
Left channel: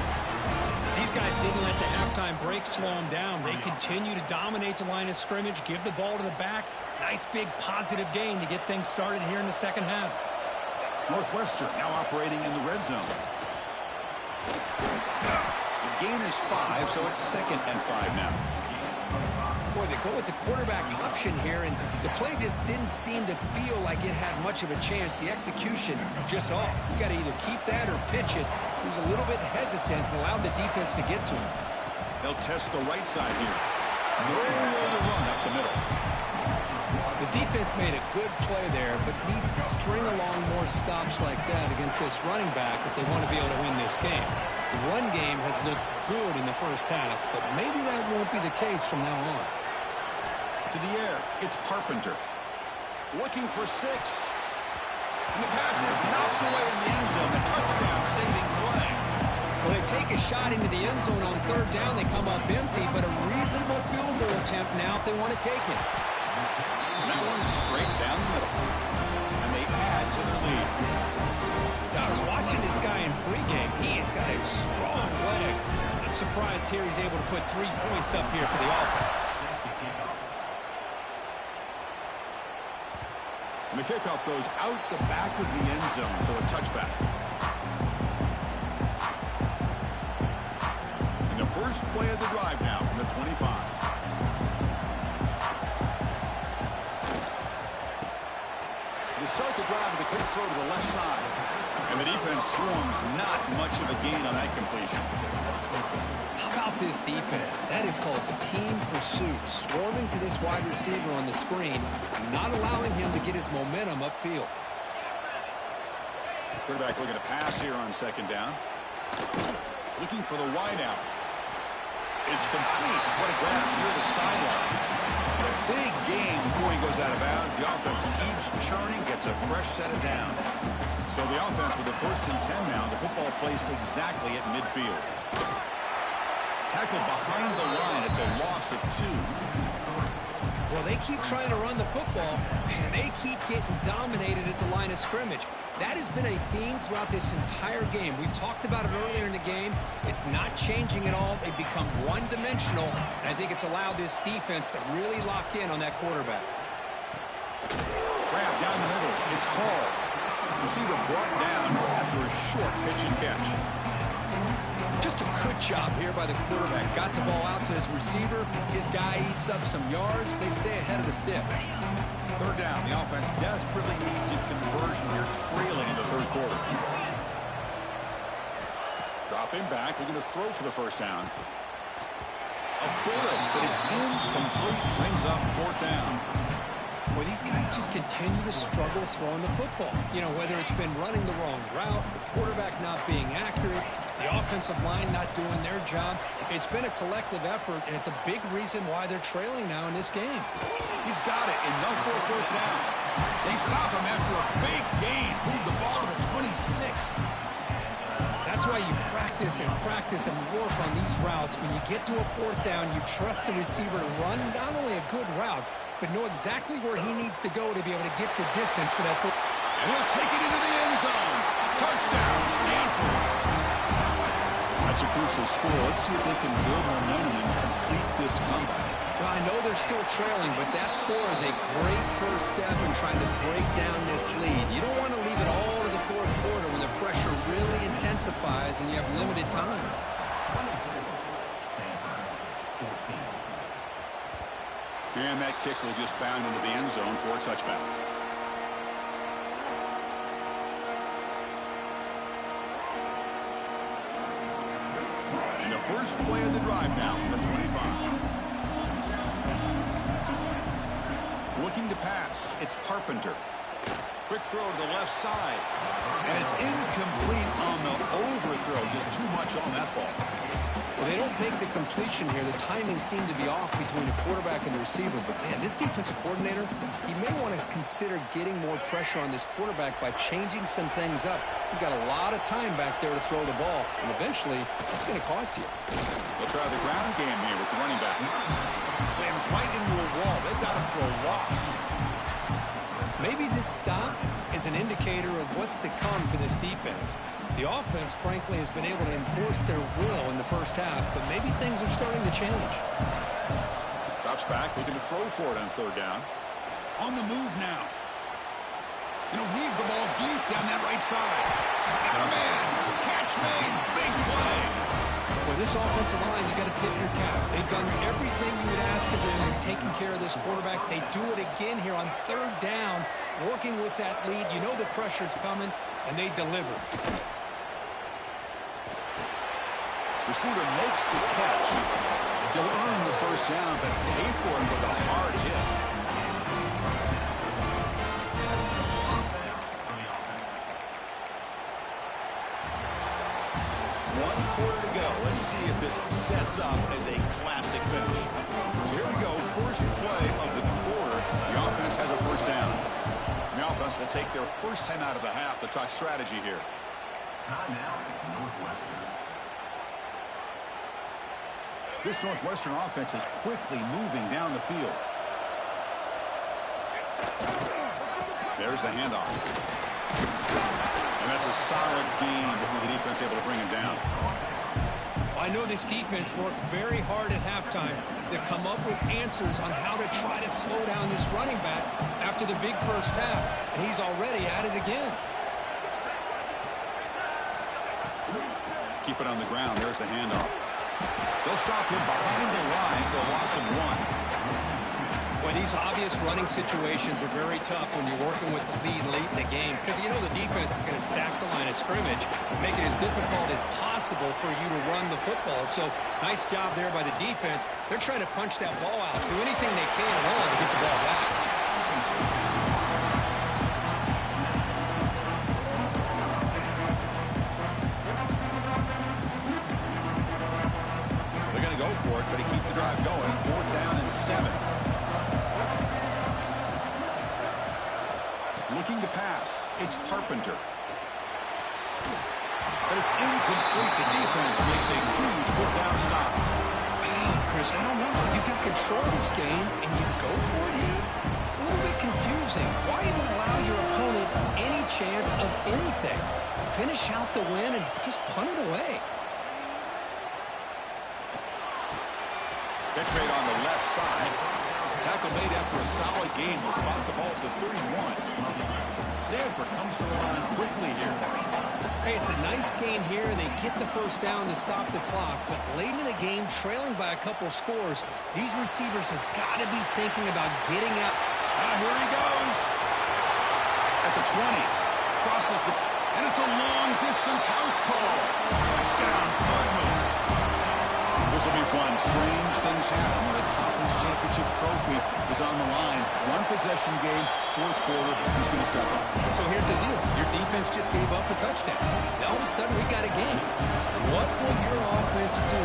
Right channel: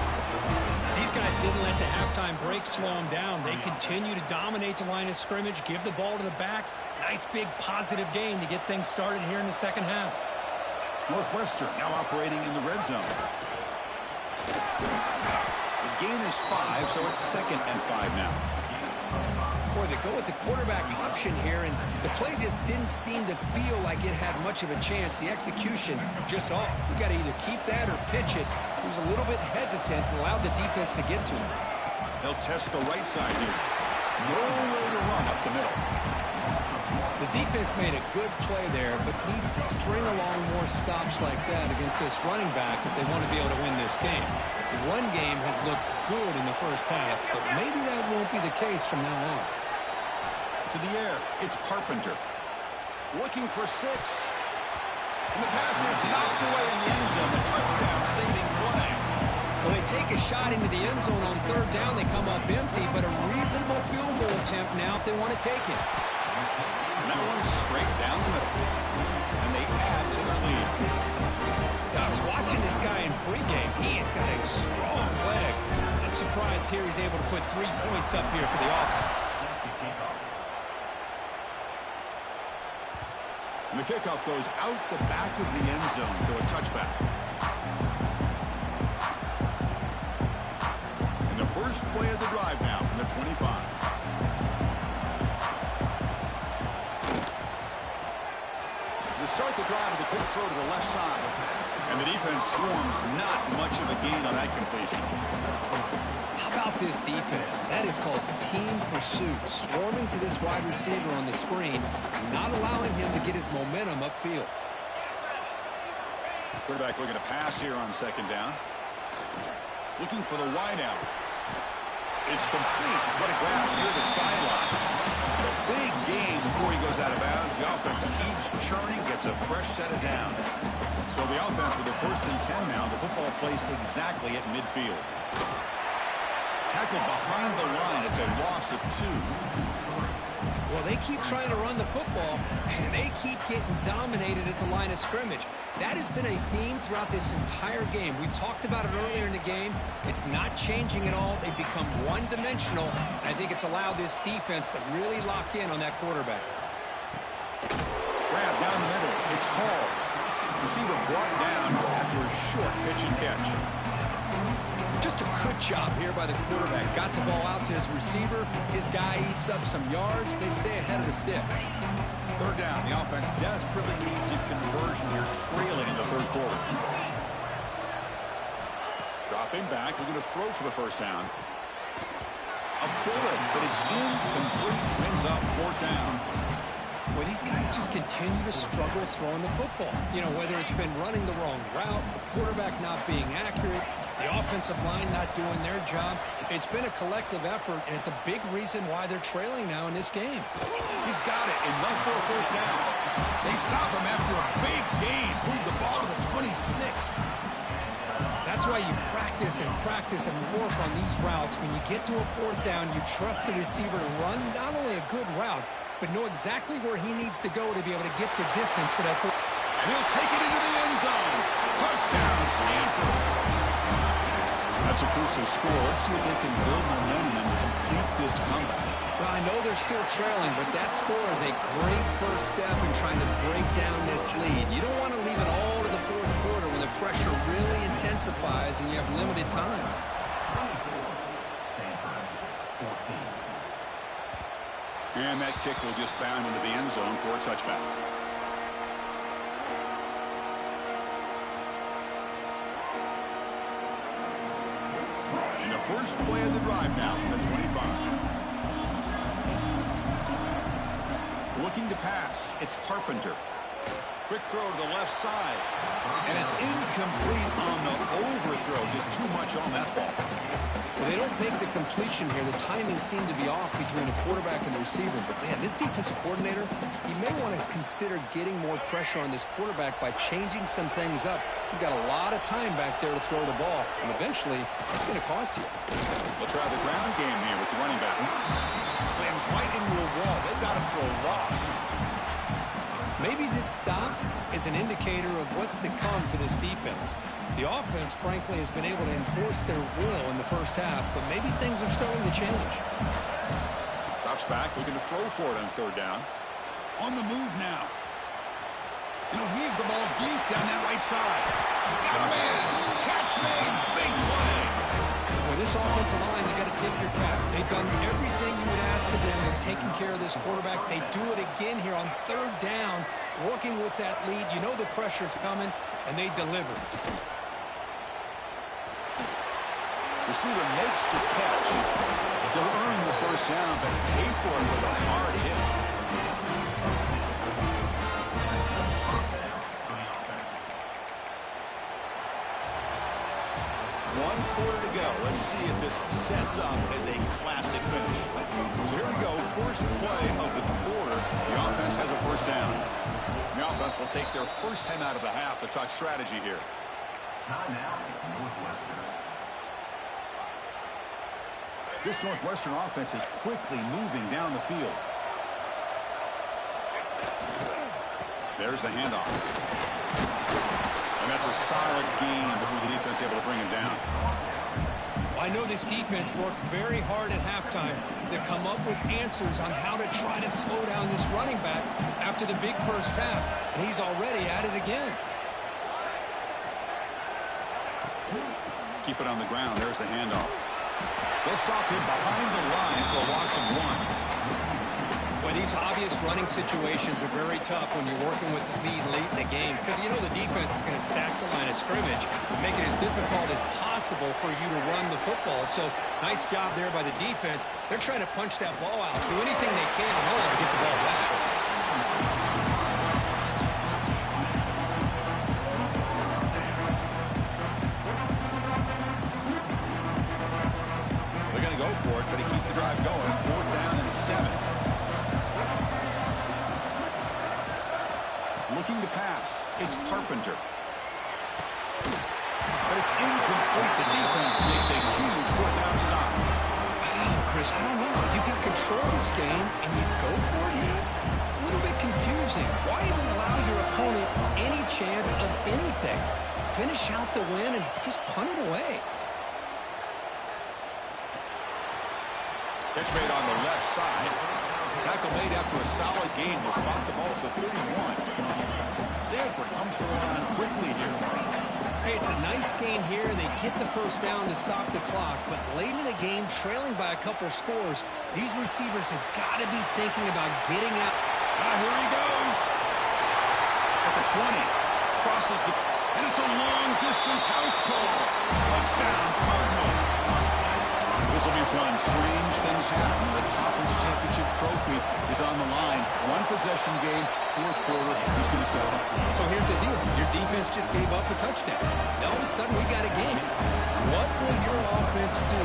These guys didn't let the halftime break slow them down. They continue to dominate the line of scrimmage, give the ball to the back. Nice big positive gain to get things started here in the second half. Northwestern now operating in the red zone. The gain is 5, so it's 2nd and 5 now. Boy, they go with the quarterback option here, and the play just didn't seem to feel like it had much of a chance. The execution just off. You got to either keep that or pitch it. He was a little bit hesitant and allowed the defense to get to him. They'll test the right side here. Nowhere to run up the middle. The defense made a good play there, but needs to string along more stops like that against this running back if they want to be able to win this game. The run game has looked good in the first half, but maybe that won't be the case from now on. To the air, it's Carpenter. Looking for 6. And the pass is knocked away in the end zone. The touchdown saving play. Well, they take a shot into the end zone on 3rd down. They come up empty, but a reasonable field goal attempt now if they want to take it. And that one's straight down the middle. And they add to their lead. I was watching this guy in pregame. He has got a strong leg. I'm surprised here he's able to put 3 points up here for the offense. And the kickoff goes out the back of the end zone, so a touchback. And the first play of the drive now from the 25. They start the drive with a quick throw to the left side. And the defense swarms, not much of a gain on that completion. How about this defense? That is called team pursuit. Swarming to this wide receiver on the screen, not allowing him to get his momentum upfield. Quarterback looking to pass here on 2nd down. Looking for the wide out. It's complete. What a grab near the sideline. And a big gain before he goes out of bounds. The offense keeps churning, gets a fresh set of downs. So the offense with a 1st and 10 now. The football placed exactly at midfield. Tackled behind the line. It's a loss of 2. Well, they keep trying to run the football, and they keep getting dominated at the line of scrimmage. That has been a theme throughout this entire game. We've talked about it earlier in the game. It's not changing at all. They've become one-dimensional, and I think it's allowed this defense to really lock in on that quarterback. Grab down the middle. It's Hall. Receiver brought down after a short pitch and catch. Just a good job here by the quarterback. Got the ball out to his receiver. His guy eats up some yards. They stay ahead of the sticks. 3rd down. The offense desperately needs a conversion here, trailing in the 3rd quarter. Dropping back, looking to throw for the 1st down. A bullet, but it's incomplete. Brings up 4th down. Well, these guys just continue to struggle throwing the football. You know, whether it's been running the wrong route, the quarterback not being accurate, the offensive line not doing their job. It's been a collective effort, and it's a big reason why they're trailing now in this game. He's got it. Enough for a 1st down. They stop him after a big gain. Move the ball to the 26. That's why you practice and work on these routes. When you get to a 4th down, you trust the receiver to run not only a good route, but know exactly where he needs to go to be able to get the distance for that. And he'll take it into the end zone. Touchdown, Stanford. That's a crucial score. Let's see if they can build momentum and complete this comeback. Well, I know they're still trailing, but that score is a great first step in trying to break down this lead. You don't want to leave it all to the fourth quarter when the pressure really intensifies and you have limited time. And that kick will just bound into the end zone for a touchback. And the first play of the drive now from the 25. Looking to pass. It's Carpenter. Quick throw to the left side. And it's incomplete on the overthrow. Just too much on that ball. Well, they don't make the completion here. The timing seemed to be off between the quarterback and the receiver. But, man, this defensive coordinator, he may want to consider getting more pressure on this quarterback by changing some things up. He's got a lot of time back there to throw the ball. And eventually, it's going to cost you. They'll try the ground game here with the running back. Slams right into a wall. They've got him for a loss. Maybe this stop is an indicator of what's to come for this defense. The offense, frankly, has been able to enforce their will in the first half, but maybe things are starting to change. Drops back, looking to throw for it on third down. On the move now. And he'll heave the ball deep down that right side. Got a man. Catch made. Big play. With this offensive line, you got to tip your cap. They've done everything you would ask of them in taking care of this quarterback. They do it again here on third down, working with that lead. You know the pressure's coming, and they deliver. Receiver makes the catch. He'll earn the first down, but pay for it with a hard hit. One quarter to go. Let's see if this sets up as a classic finish. So here we go. First play of the quarter. The offense has a first down. The offense will take their first time out of the half. The talk strategy here. Timeout, Northwestern. This Northwestern offense is quickly moving down the field. There's the handoff. And that's a solid gain before the defense able to bring him down. I know this defense worked very hard at halftime to come up with answers on how to try to slow down this running back after the big first half, and he's already at it again. Keep it on the ground. There's the handoff. They'll stop him behind the line for a loss of 1. Well, these obvious running situations are very tough when you're working with the lead late in the game because you know the defense is going to stack the line of scrimmage and make it as difficult as possible for you to run the football. So, nice job there by the defense. They're trying to punch that ball out, do anything they can at all to get the ball back. They're going to go for it, try to keep the drive going. 4th down and 7. Looking to pass. It's Carpenter. But it's incomplete. The defense makes a huge 4th down stop. Wow, Chris, I don't know. You got control of this game, and you go for it here? A little bit confusing. Why even allow your opponent any chance of anything? Finish out the win and just punt it away. Catch made on the left side. Tackle made after a solid gain. Will spot the ball for 31. Stanford comes to the line quickly here. Hey, it's a nice game here, and they get the first down to stop the clock. But late in the game, trailing by a couple scores, these receivers have got to be thinking about getting out. Here he goes. At the 20. Crosses the... And it's a long-distance house call. Touchdown, Cardinal. This will be fun. Strange things happen when the conference championship trophy is on the line. One possession game, 4th quarter. Who's going to step up? So here's the deal. Your defense just gave up a touchdown. Now all of a sudden we got a game. What will your offense do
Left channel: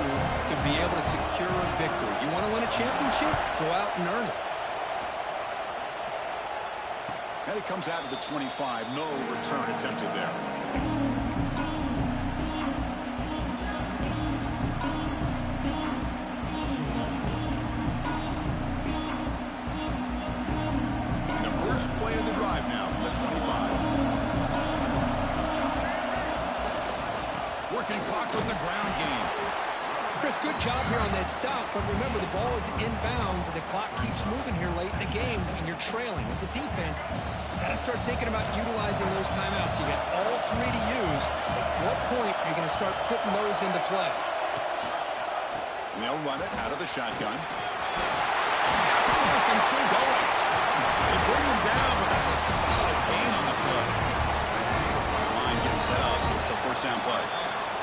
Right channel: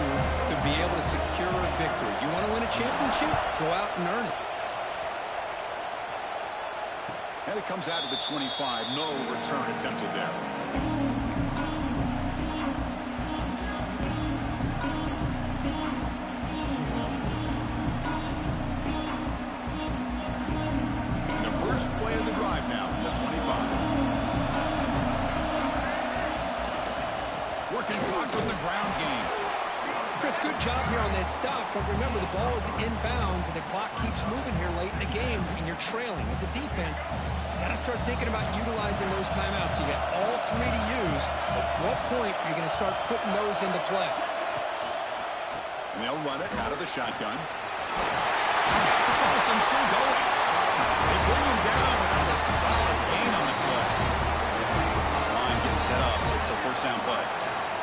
to be able to secure a victory? You want to win a championship? Go out and earn it. And it comes out of the 25. No return attempted there. Play of the drive now from the 25. Working clock with the ground game. Chris, good job here on that stop, but remember the ball is inbounds and the clock keeps moving here late in the game when you're trailing. As a defense, you got to start thinking about utilizing those timeouts. You got all three to use. At what point are you going to start putting those into play? And they'll run it out of the shotgun. He's got the first and still going. They bring him down, but that's a solid gain on the play. This line getting set up. It's a first down play.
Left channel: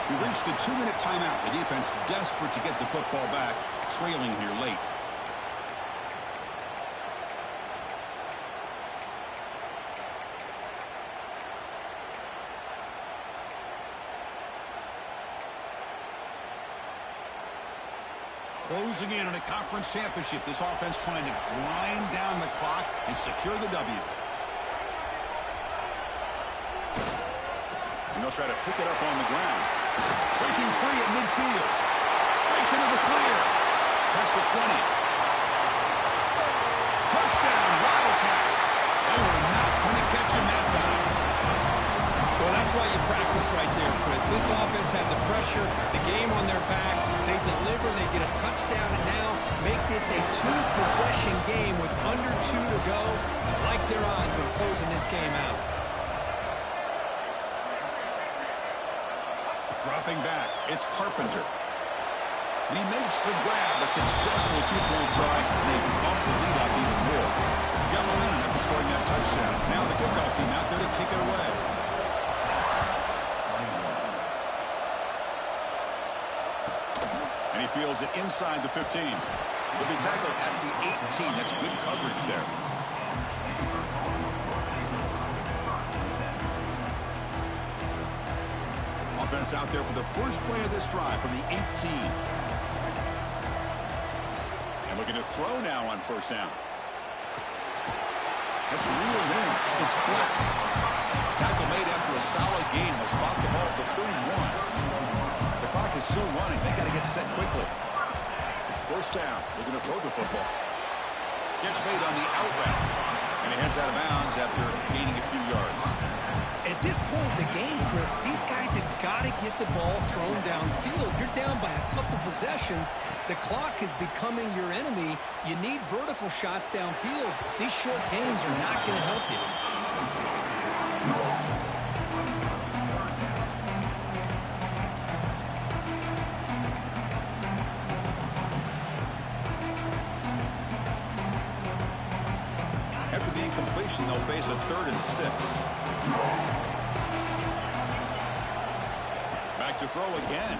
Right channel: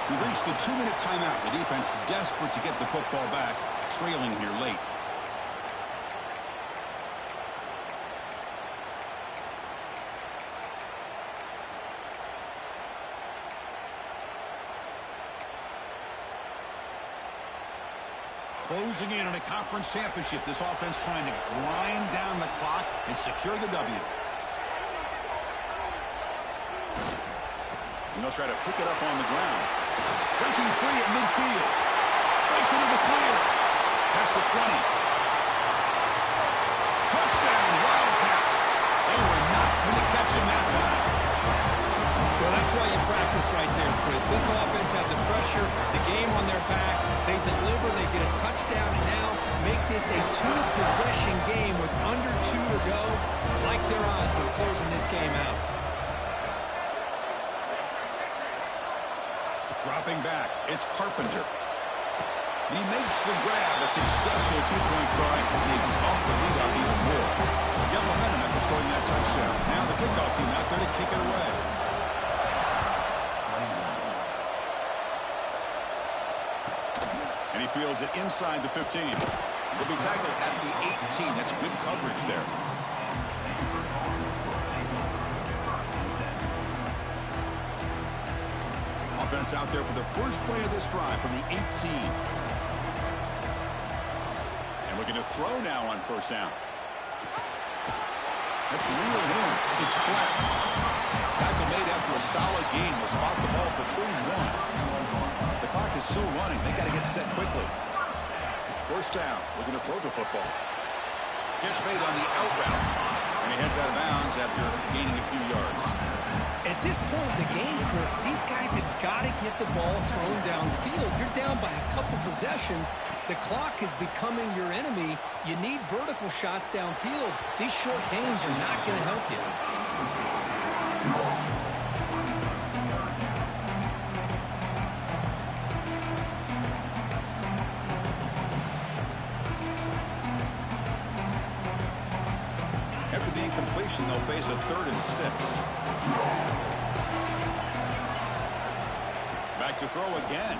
We've reached the 2-minute timeout. The defense desperate to get the football back, trailing here late. Closing in on a conference championship. This offense trying to grind down the clock and secure the W. And they'll try to pick it up on the ground. Breaking free at midfield. Breaks into the clear. That's the 20. Touchdown, Wildcats. They were not going to catch him that time. Well, that's why you practice right there, Chris. This offense had the pressure, the game on their back. They deliver, they get a touchdown, and now make this a two-possession game with under 2 to go. Like their odds of closing this game out. Dropping back, it's Carpenter. And he makes the grab, a successful two-point try, and they bump the lead up even more. Got momentum after scoring that touchdown. Now the kickoff team out there to kick it away. And he fields it inside the 15. He'll be tackled at the 18. That's good coverage there. Offense out there for the first play of this drive from the 18. And looking to throw now on first down. That's reeled in. It's Black. Tackle made after a solid gain. Will spot the ball for 31. The clock is still running. They got to get set quickly. First down. Looking to throw the football. Catch made on the out route. And he heads out of bounds after gaining a few yards. At this point in the game, Chris, these guys have got to get the ball thrown downfield. You're down by a couple possessions. The clock is becoming your enemy. You need vertical shots downfield. These short gains are not going to help you. After the incompletion, they'll face a 3rd and 6. Back to throw again.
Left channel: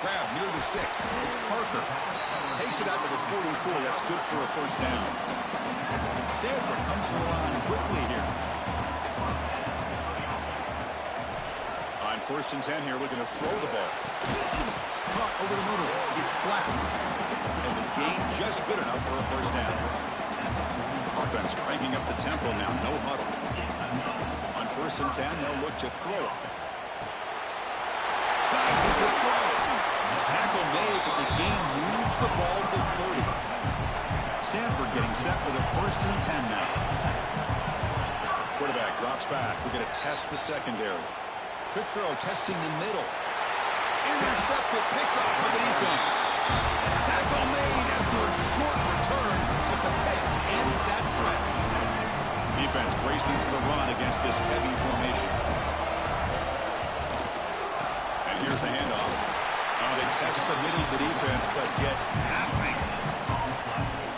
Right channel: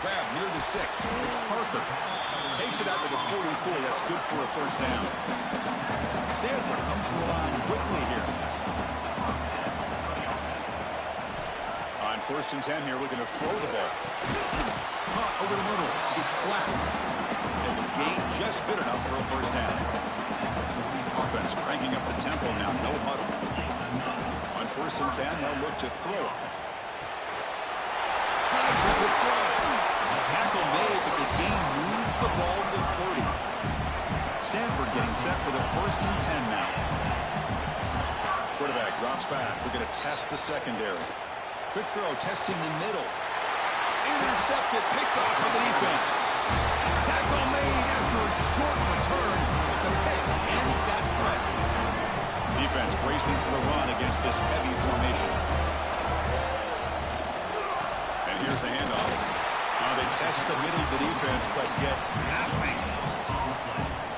Grab near the sticks. It's Parker. Takes it out to the 44. That's good for a first down. Stanford comes to the line quickly here. On 1st and 10 here, looking to throw the ball. Caught over the middle. It's Black. And the gain just good enough for a first down. Offense cranking up the tempo now. No huddle. On 1st and 10, they'll look to throw it. Slides a good throw. Tackle made, but the gain moves the ball to 30. Stanford getting set for the 1st and 10 now. Quarterback drops back. We're going to test the secondary. Quick throw, testing the middle. Intercepted, picked off by the defense. Tackle made after a short return, but the pick ends that threat. Defense bracing for the run against this heavy formation. And here's the handoff. They test the middle of the defense, but get nothing.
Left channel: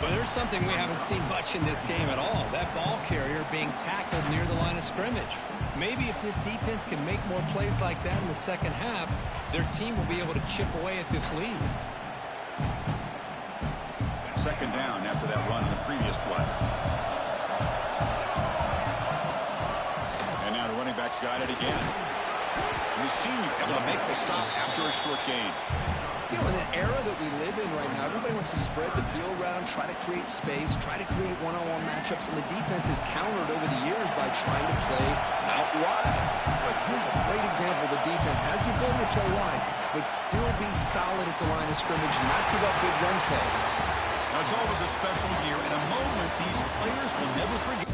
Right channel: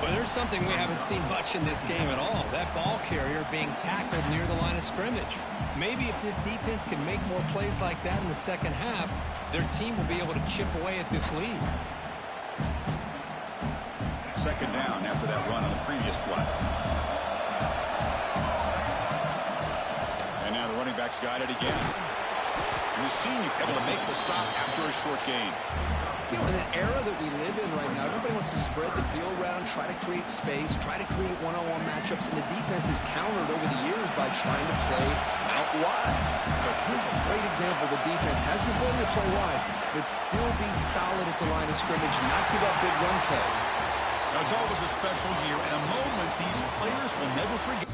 Well, there's something we haven't seen much in this game at all. That ball carrier being tackled near the line of scrimmage. Maybe if this defense can make more plays like that in the second half, their team will be able to chip away at this lead. Second down after that run on the previous play. And now the running back's got it again. And the senior able to make the stop after a short gain. You know, in the era that we live in right now, everybody wants to spread the field around, try to create space, try to create one-on-one matchups, and the defense is countered over the years by trying to play out wide. But here's a great example. The defense has the ability to play wide, but still be solid at the line of scrimmage and not give up big run plays. Now, it's always a special year and a moment these players will never forget.